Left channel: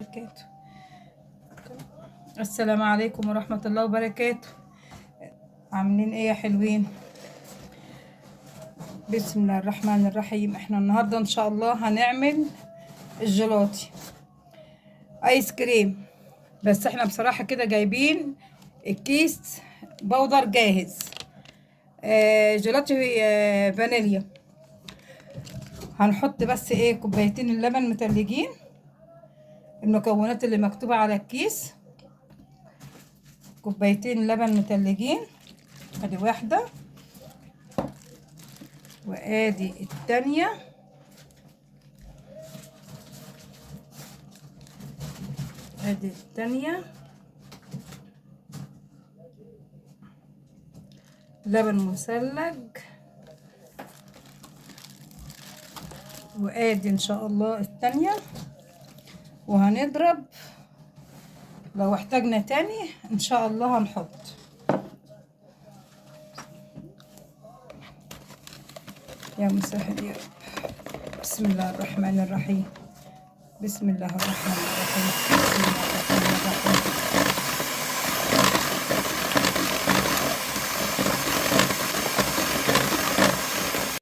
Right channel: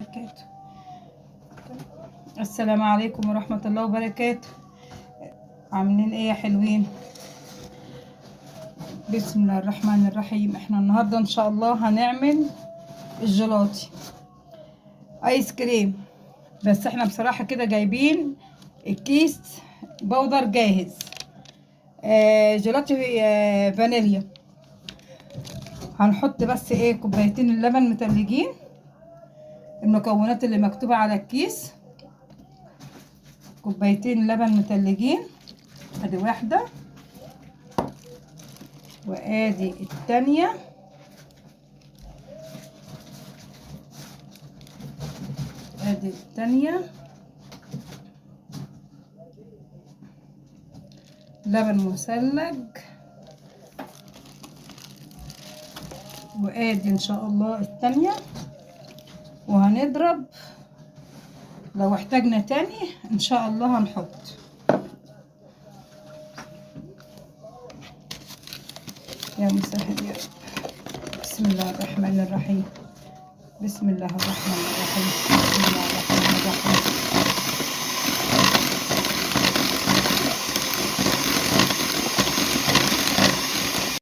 وبركاته. السلام عليكم ورحمة الله وبركاته. عاملين ايه يا حلوين؟ بسم الله الرحمن الرحيم. احنا النهاردة ان شاء الله هنعمل الجيلاتي ايس كريم، بس احنا بصراحة كده جايبين الكيس بودر جاهز. جيلاتي فانيليا. هنحط بس ايه كوبايتين اللبن متلجين، المكونات اللي مكتوبة على الكيس. كوبايتين لبن متلجين، ادي واحدة وادي التانية، ادي التانية. لبن مثلج، وادي ان شاء الله التانية. وهنضرب، لو احتاجنا تاني ان شاء الله هنحط. يا مسهل يا رب. بسم الله الرحمن الرحيم. بسم الله الرحمن الرحيم. بسم الله الرحمن